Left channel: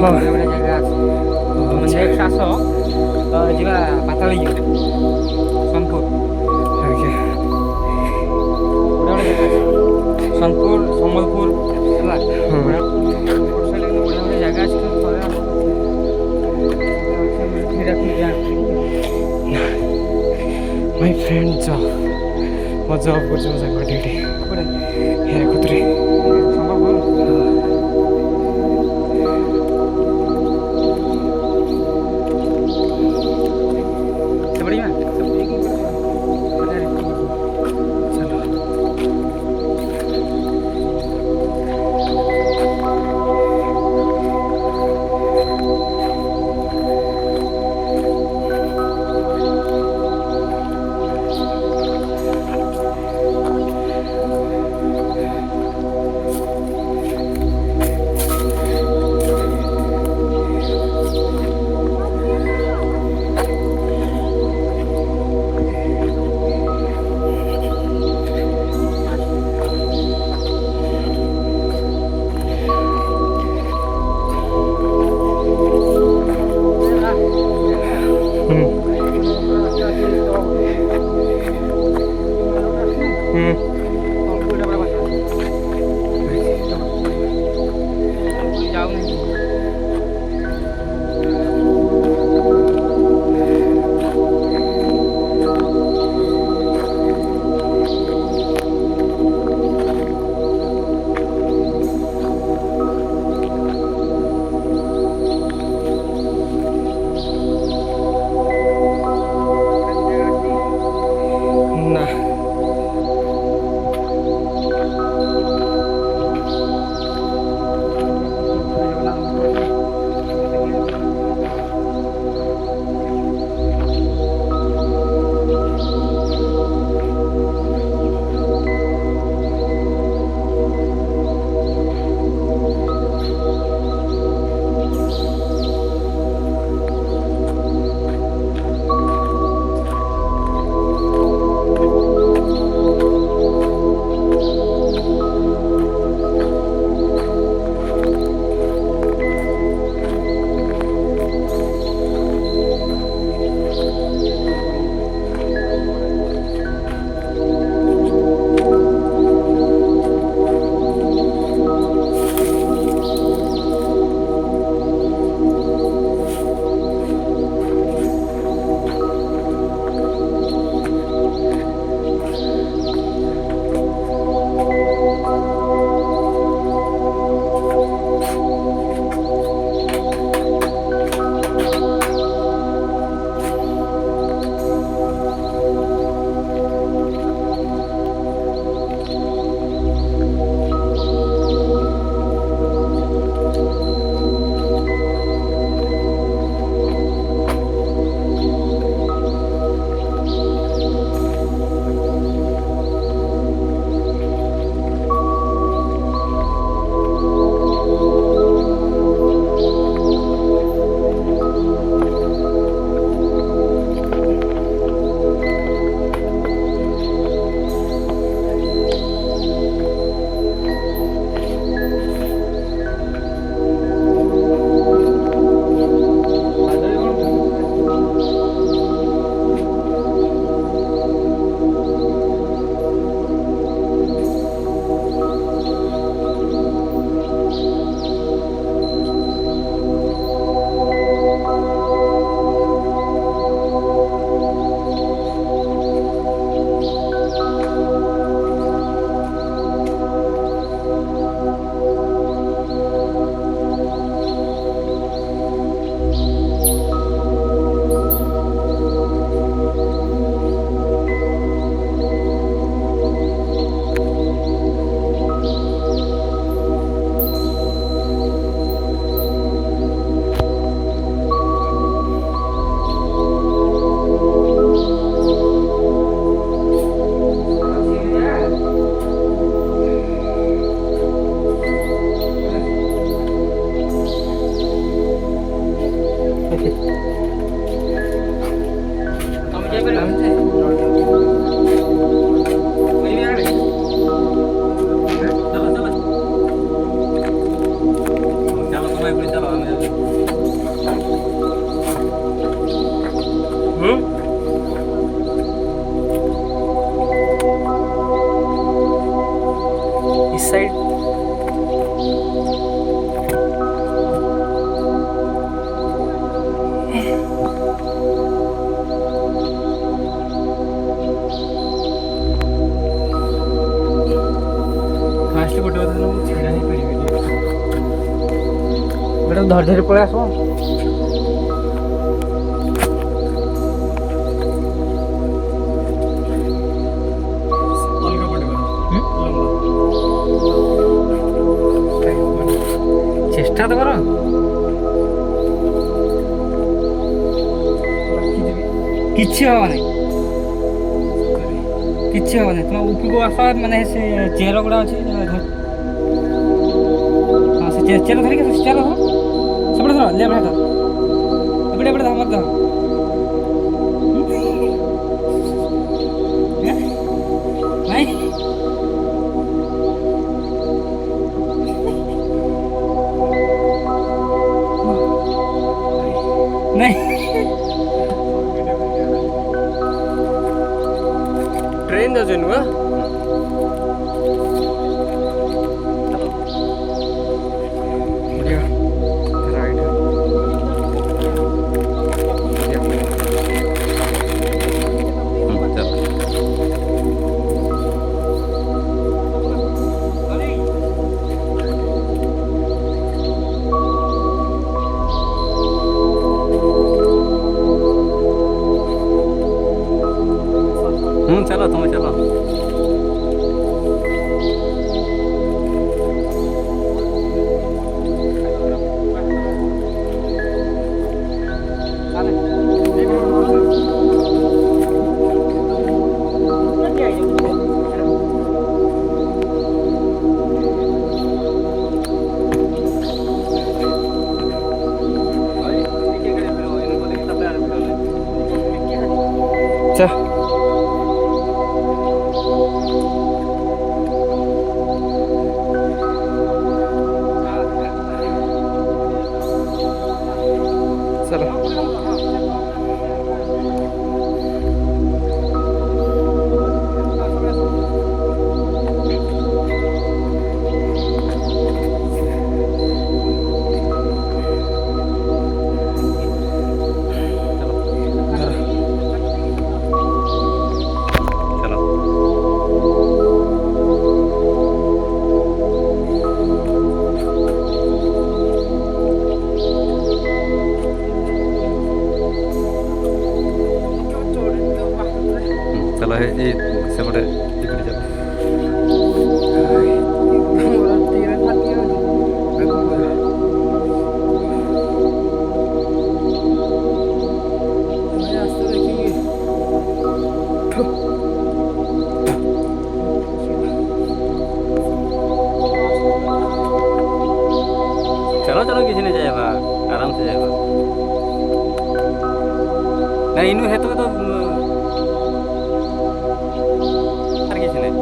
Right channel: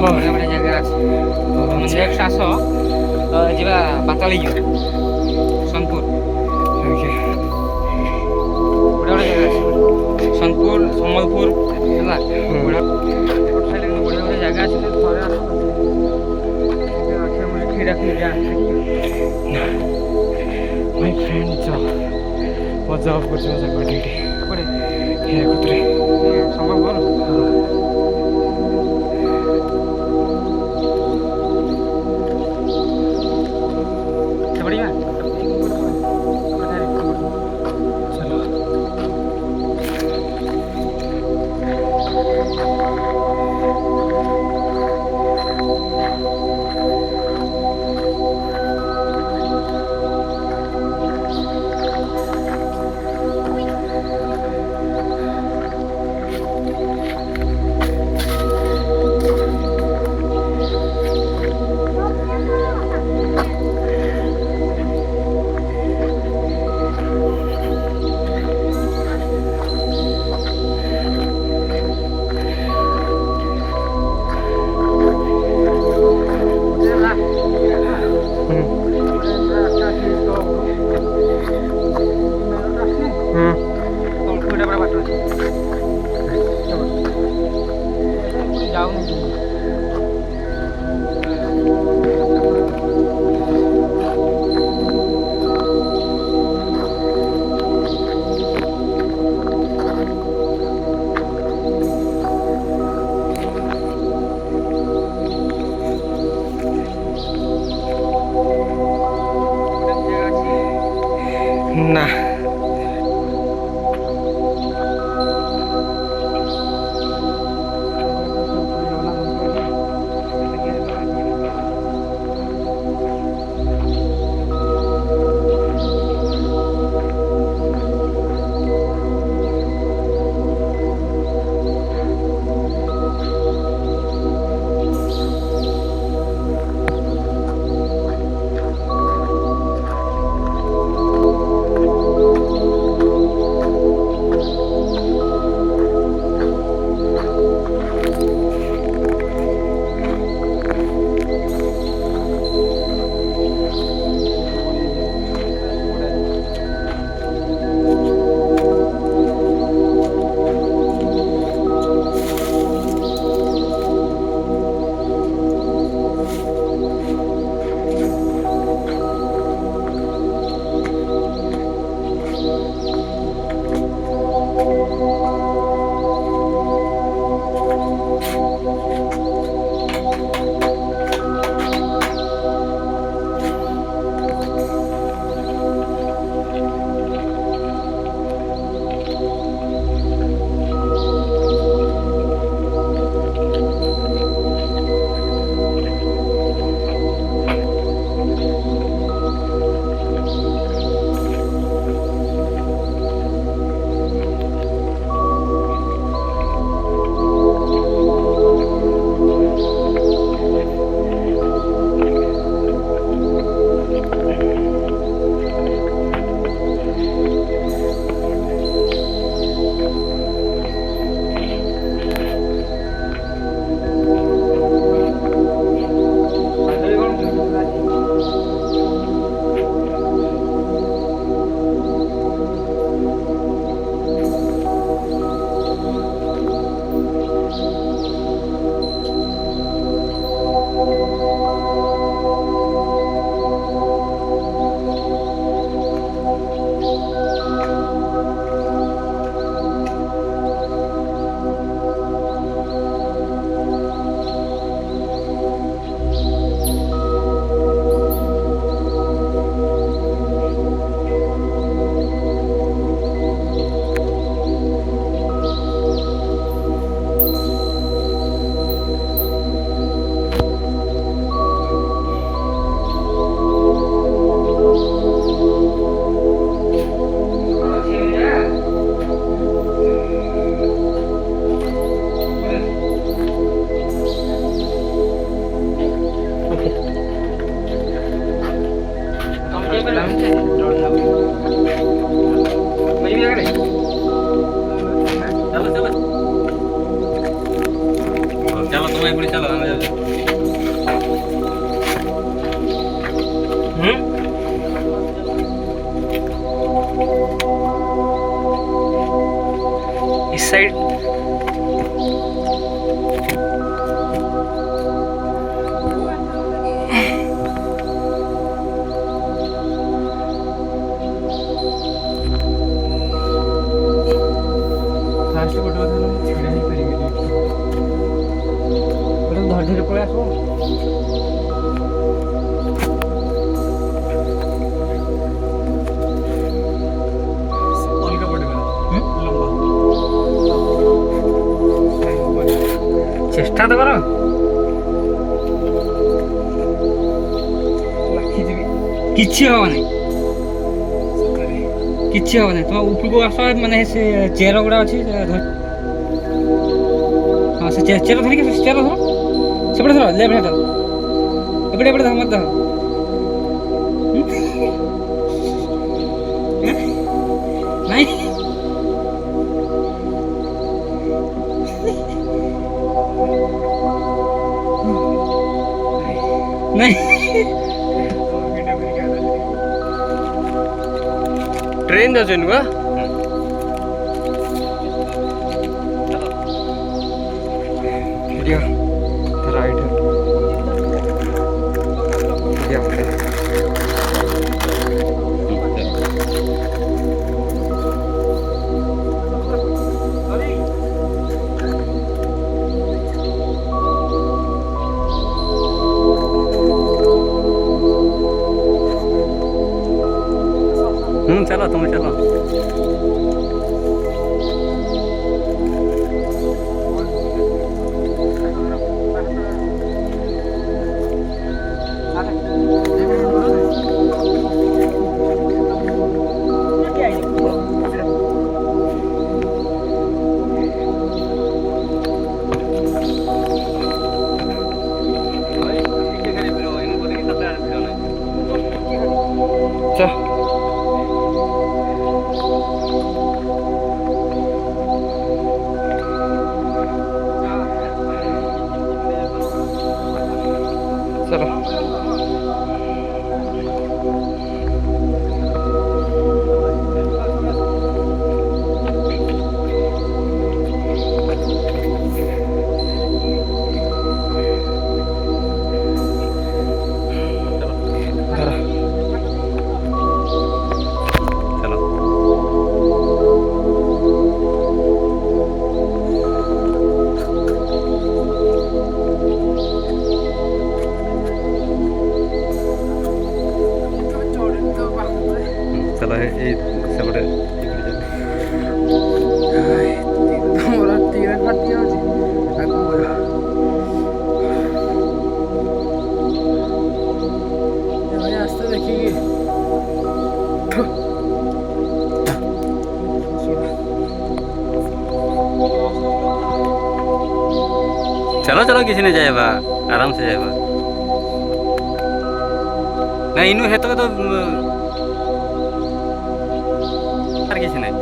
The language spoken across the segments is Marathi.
ବଢ଼ିଆ ବଢ଼ିଆ ଜାଗା ଅଛି। ନେକ୍ସଟ ଆସ ଯିବା ପାତାଳି ଯିବା ସୋନପୁର। ବଢ଼ିଆ ବଢ଼ିଆ ଜାଗା ଅଛି ସୋନପୁର ସମ୍ବଲପୁର ହେଲା। ବଢ଼ିଆ ବଢ଼ିଆ ଜାଗା ଅଛି ଥରେ ଆସ। My friend job. ମୋ ଜବ୍ କରୁଛି ଜାଗାଟା ଏଠି ହୀରାକୁଦରେ। ସମ୍ବଲପୁର ହଁ। बढ़िया चलो ना चलो तुम ଏପଟେ ଚାଲ ଆମେ ଯାଉଛୁ। इस साइड ଫାଷ୍ଟ ଗୋଟେ କଥା ମୁଁ ଛିଡ଼ା ହେଇପାରିବିନି ଗୋଟେ ଧରି ଧରି ପଳେଇ ଆସ। अलग पड़ेगा लंबा ଚେଷ୍ଟା ତ କର। କିଛି ହବନି କିଛି ହବନି ତମ ଉପରକୁ ଆସ ମାନେ ସେ ଚେୟାର ଗୁଡ଼ା ଅଛି ହଁ ସେ ଚେୟାର ଧରିକି ଚେୟାର ଧର ସେପଟେ ଧର ଲେଫ୍ଟ ହାତ ଏପଟେ ଏପଟେ ଧର ମତେ ଧର ନାଇଁ ନାଇଁ ट्रेन जाऊ नुआ वीडियो राइट चलो तुम चलो। चल चलो चलो ये सेपटे फाटी आस्ते देखेंगे चलो चलो किसी ने जाएगा आराम से जाएगा नहीं इनू है तो আর কিছু নাই।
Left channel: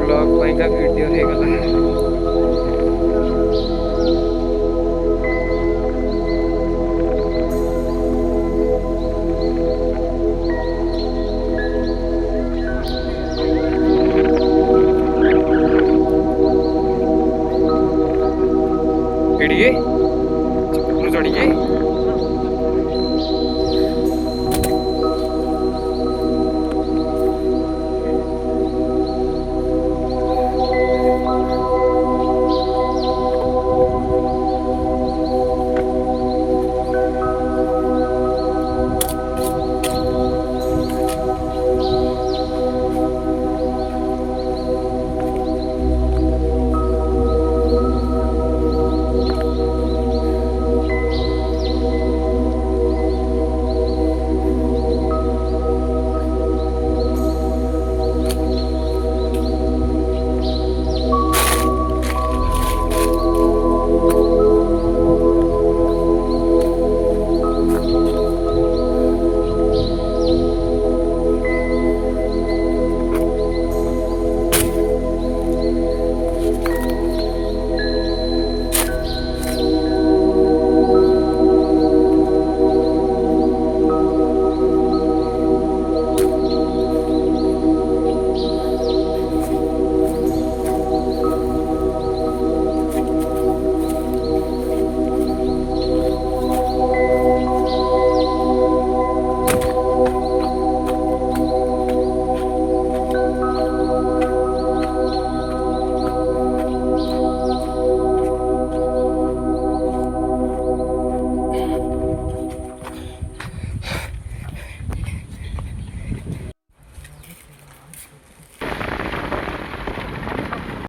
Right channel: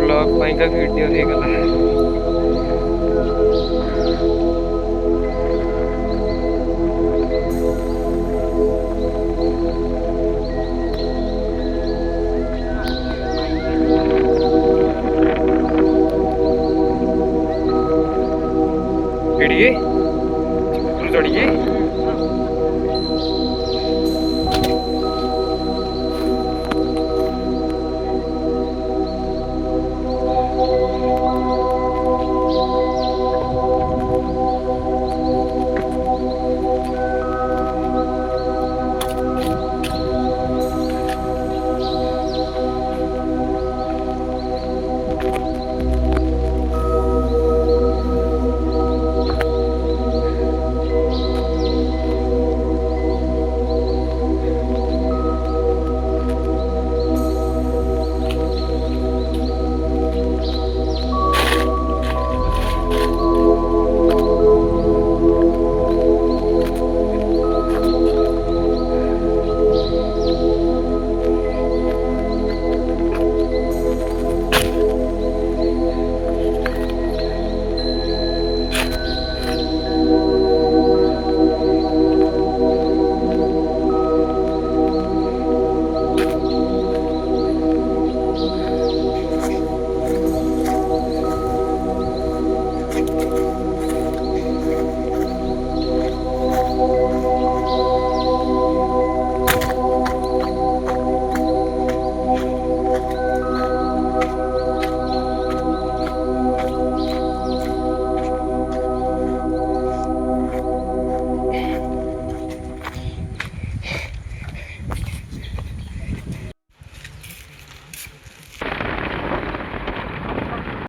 ब्लॉग का वीडियो हो गला चढ़िए